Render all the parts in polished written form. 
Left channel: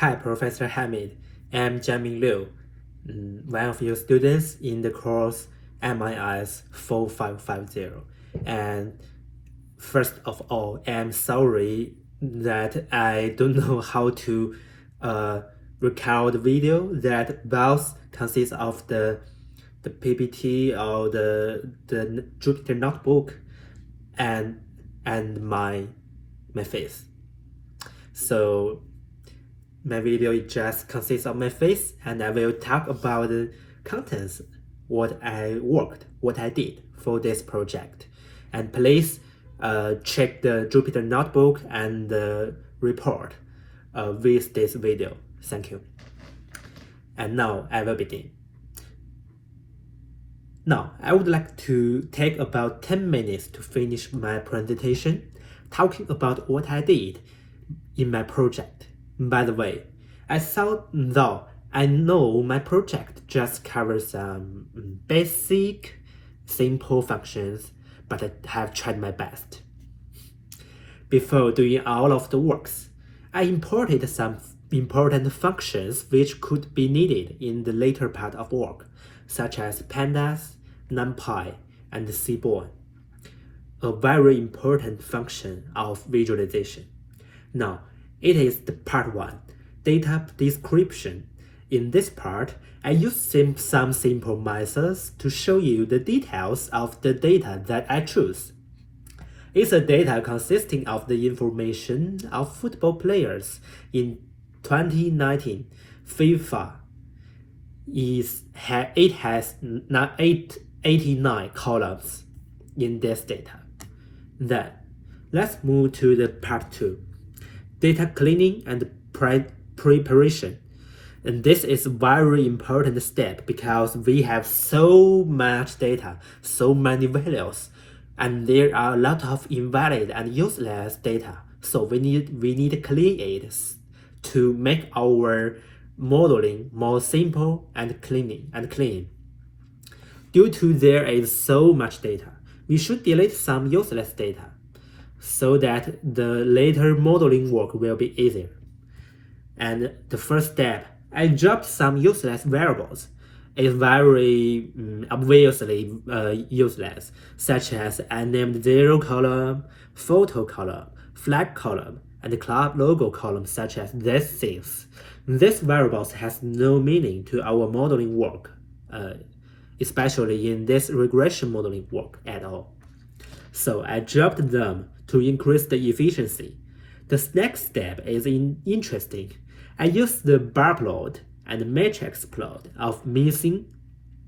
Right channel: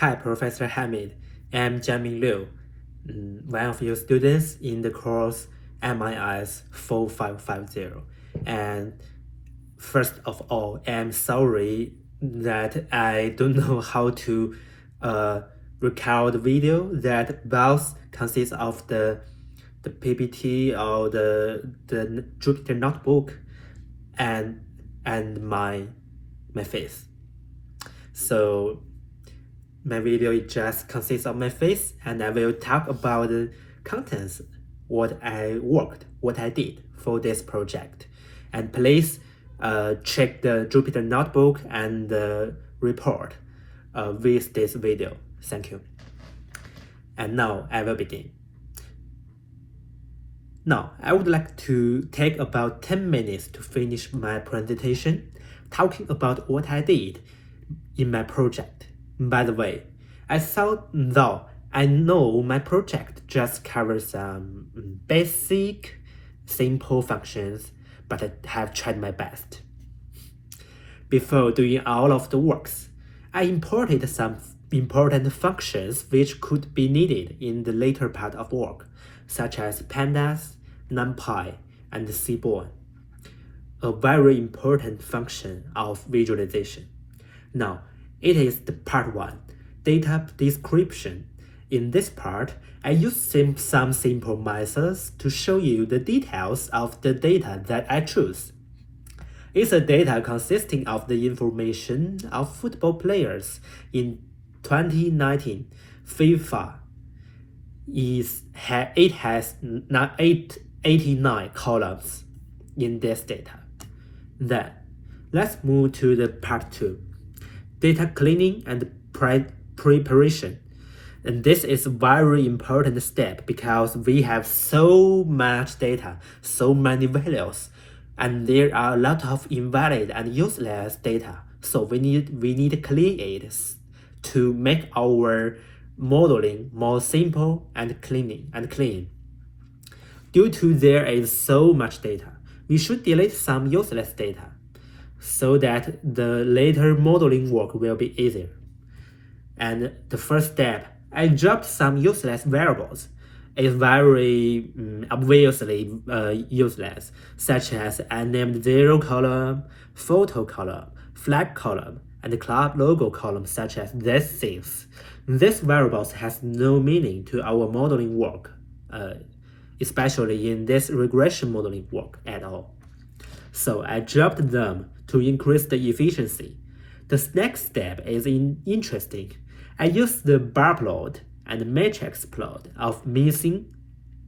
Hi, Professor Hamid. I'm Jiaming Liu, one of your students in the course MIS 4550. And first of all, I'm sorry that I don't know how to record video that both consists of the PPT or the Jupyter notebook and my face. So my video just consists of my face, and I will talk about the contents, what I did for this project. And please check the Jupyter notebook and the report with this video. Thank you. And now I will begin. Now, I would like to take about 10 minutes to finish my presentation, talking about what I did in my project. By the way, I thought though I know my project just covers some basic, simple functions, but I have tried my best. Before doing all of the works, I imported some important functions which could be needed in the later part of work, such as pandas, numpy, and seaborn, a very important function of visualization. Now, it is the part 1, data description. In this part, I use some simple methods to show you the details of the data that I choose. It's a data consisting of the information of football players in 2019 FIFA. It has 89 columns in this data. Then, let's move to the part 2. Data cleaning and preparation. And this is a very important step because we have so much data, so many values, and there are a lot of invalid and useless data. So we need to clean it to make our modeling more simple and clean. Due to there is so much data, we should delete some useless data, so that the later modeling work will be easier. And the first step, I dropped some useless variables. It's very obviously useless, such as unnamed zero column, photo column, flag column, and the club logo column, such as these things. These variables has no meaning to our modeling work, especially in this regression modeling work at all. So I dropped them to increase the efficiency. The next step is interesting. I used the bar plot and matrix plot of missing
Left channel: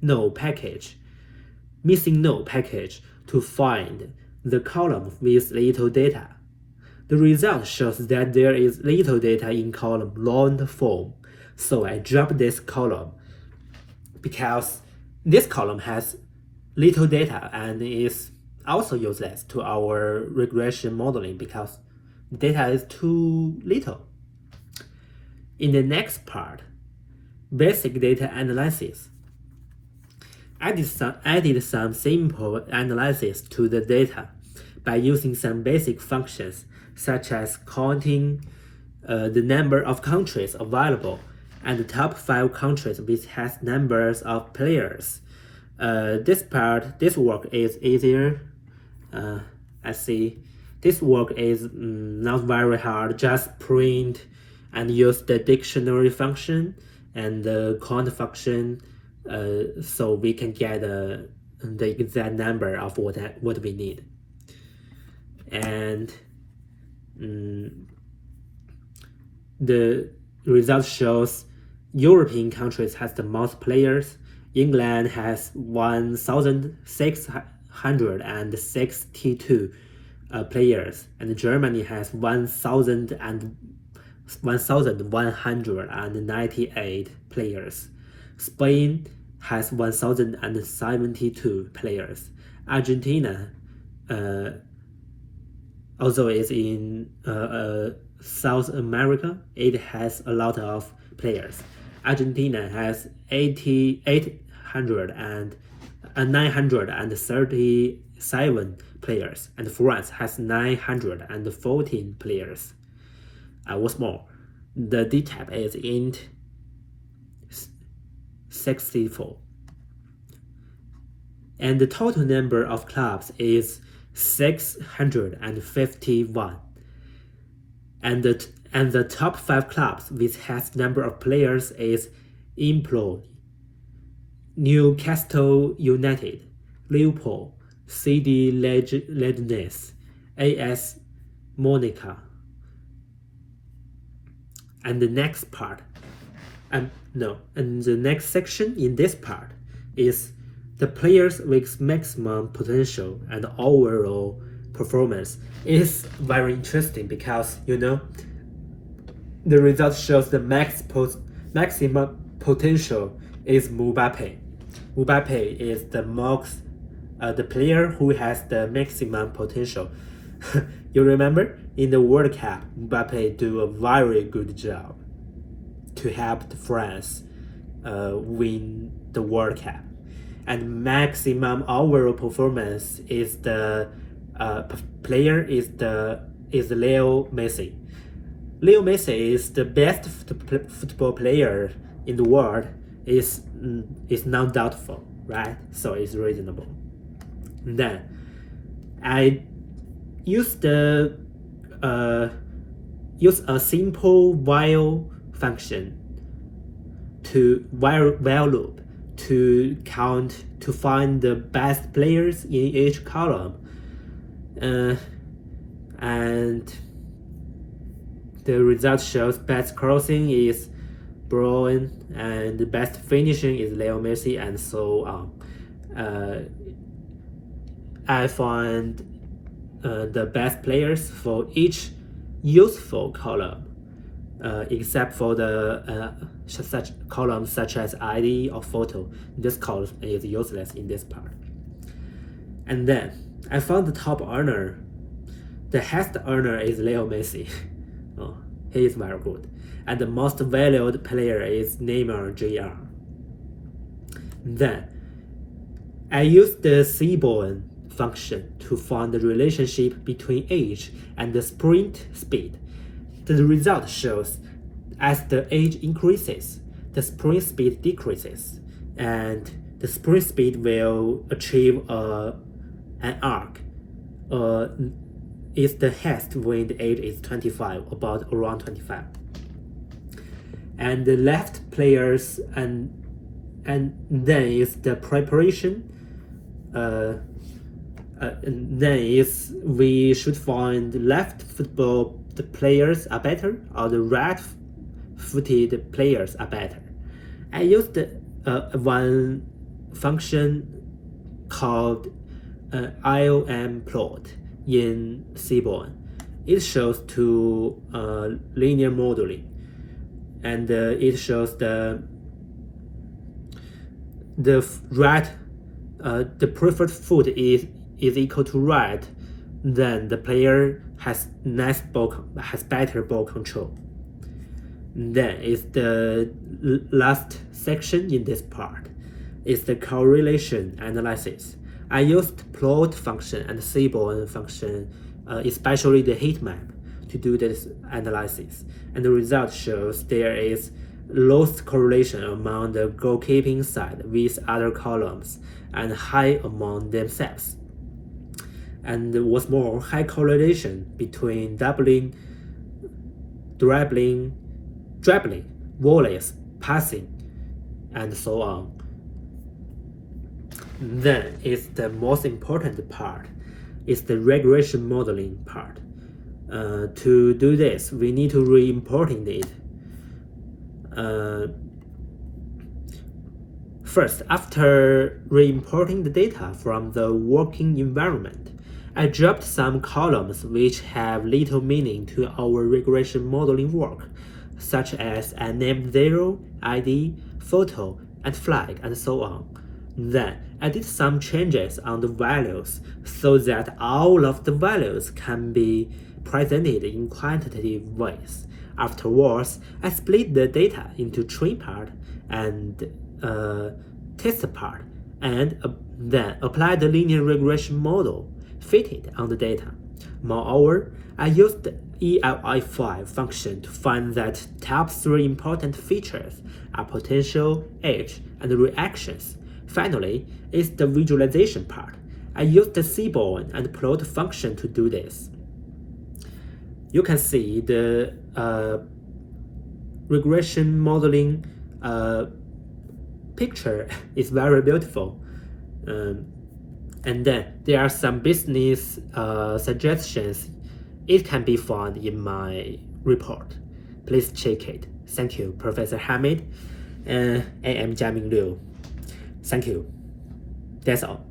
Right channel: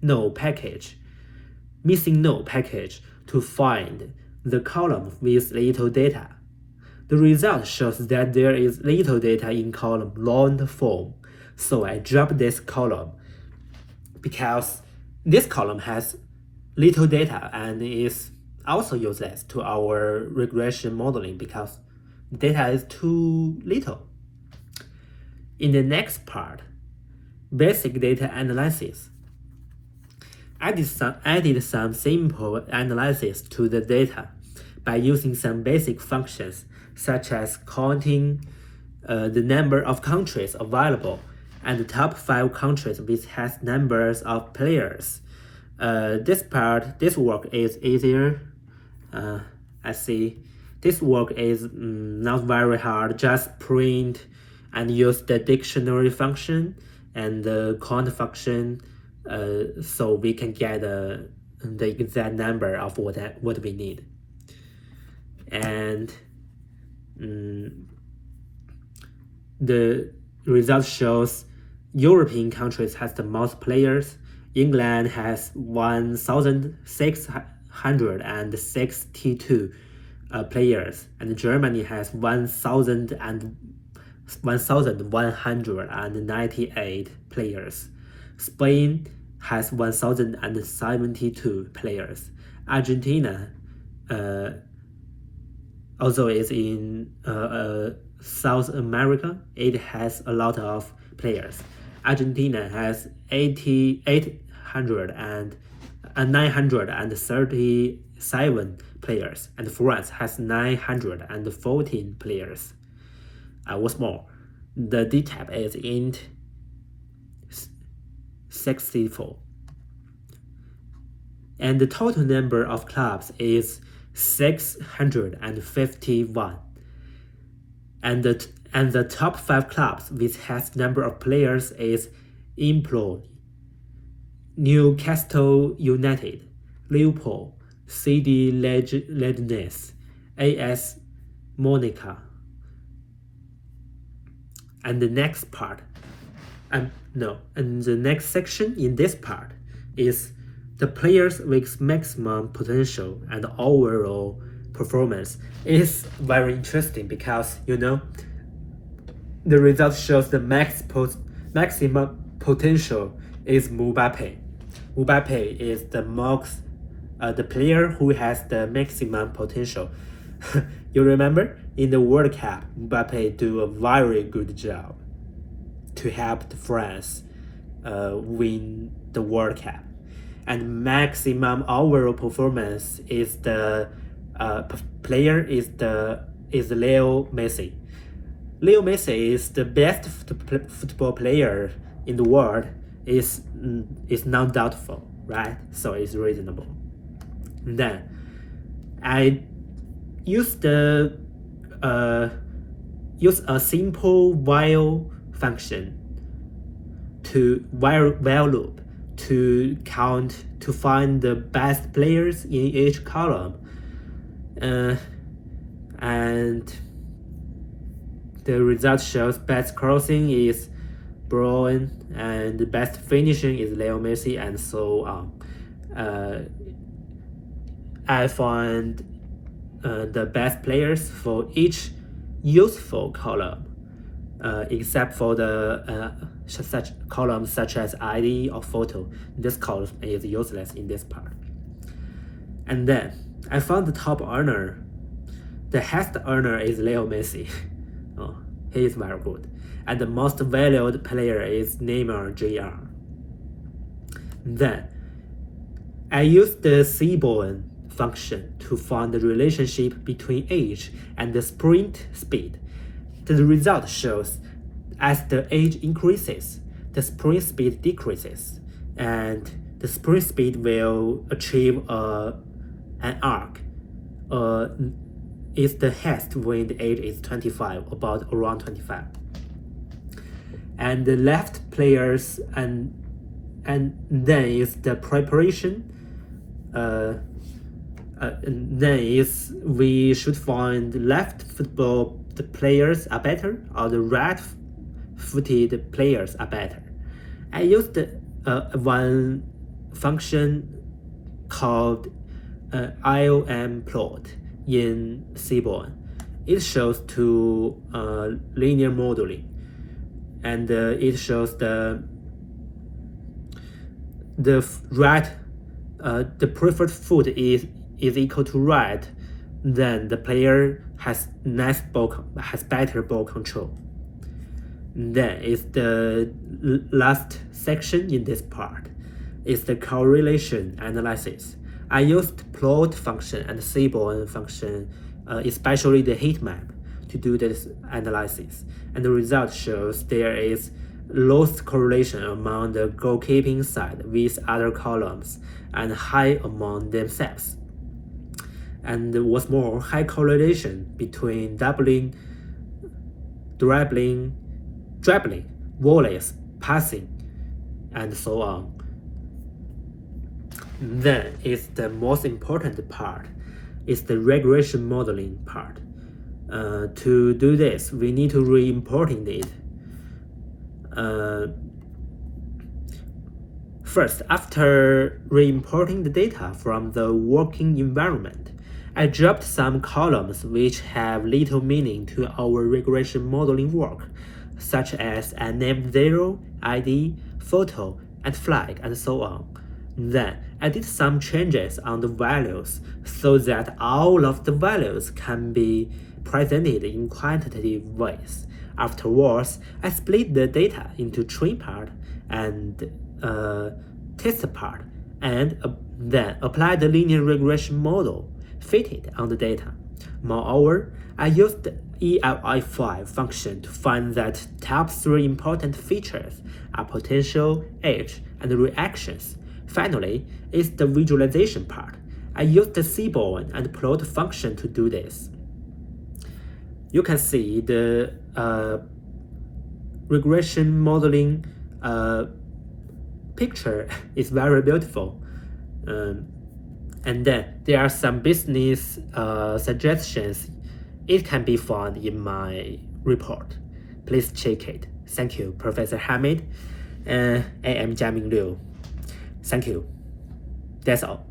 node package to find the column with little data. The result shows that there is little data in column long form. So I dropped this column because this column has little data and is also useless to our regression modeling because data is too little. In the next part, basic data analysis. I did some simple analysis to the data by using some basic functions such as counting the number of countries available and the top 5 countries which has numbers of players. This work is easier. I see. This work is not very hard. Just print and use the dictionary function and the count function, so we can get the exact number of what we need. And the result shows European countries has the most players. England has 1,662 players, and Germany has 1,198 players. Spain has 1,072 players. Argentina also is in South America. It has a lot of players. Argentina has 937 players, and France has 914 players. What's more, the D type is int 64. And the total number of clubs is 651. And the top 5 clubs with highest number of players is Empoli, Newcastle United, Liverpool, CD Leganes, AS Monaco. And the next part, and the next section in this part is the players with maximum potential and overall performance. It is very interesting because the result shows the maximum potential is Mbappe. Mbappe is the player who has the maximum potential. You remember in the World Cup, Mbappe do a very good job to help France win the World Cup. And maximum overall performance is the player is Leo Messi. Leo Messi is the best football player in the world. Is not doubtful, right? So it's reasonable. Then I use a simple while function while loop to find the best players in each column, and the result shows best crossing is Brown and the best finishing is Leo Messi, and so on. I find the best players for each useful column, except for the such columns such as ID or photo. This column is useless in this part. And then I found the top earner. The highest earner is Leo Messi. Oh, he is very good. And the most valued player is Neymar Jr. Then I used the Seaborn function to find the relationship between age and the sprint speed. The result shows as the age increases, the sprint speed decreases, and the sprint speed will achieve an arc. Is the highest when the age is 25, around 25. And the left players and then is the preparation. And then is we should find left football the players are better or the right-footed players are better. I used one function called IOM plot in Seaborn. It shows two linear modeling, and it shows the right, the preferred foot is equal to right, then the player has better ball control. Then is the last section in this part is the correlation analysis. I used plot function and Seaborn function, especially the heat map, to do this analysis, and the result shows there is lost correlation among the goalkeeping side with other columns and high among themselves. And what's more, high correlation between dribbling, volleys, passing, and so on. Then is the most important part, is the regression modeling part. To do this, we need to re-importing it. First, after re-importing the data from the working environment, I dropped some columns which have little meaning to our regression modeling work, such as a name 0, ID, photo, and flag, and so on. Then, I did some changes on the values so that all of the values can be presented in quantitative ways. Afterwards, I split the data into train part and test part, and then applied the linear regression model fitted on the data. Moreover, I used ELI5 function to find that top 3 important features are potential, age, and reactions. Finally, is the visualization part. I used the seaborn and plot function to do this. You can see the regression modeling picture is very beautiful. And then there are some business suggestions. It can be found in my report. Please check it. Thank you, Professor Hamid. I am Jiaming Liu. Thank you. That's all.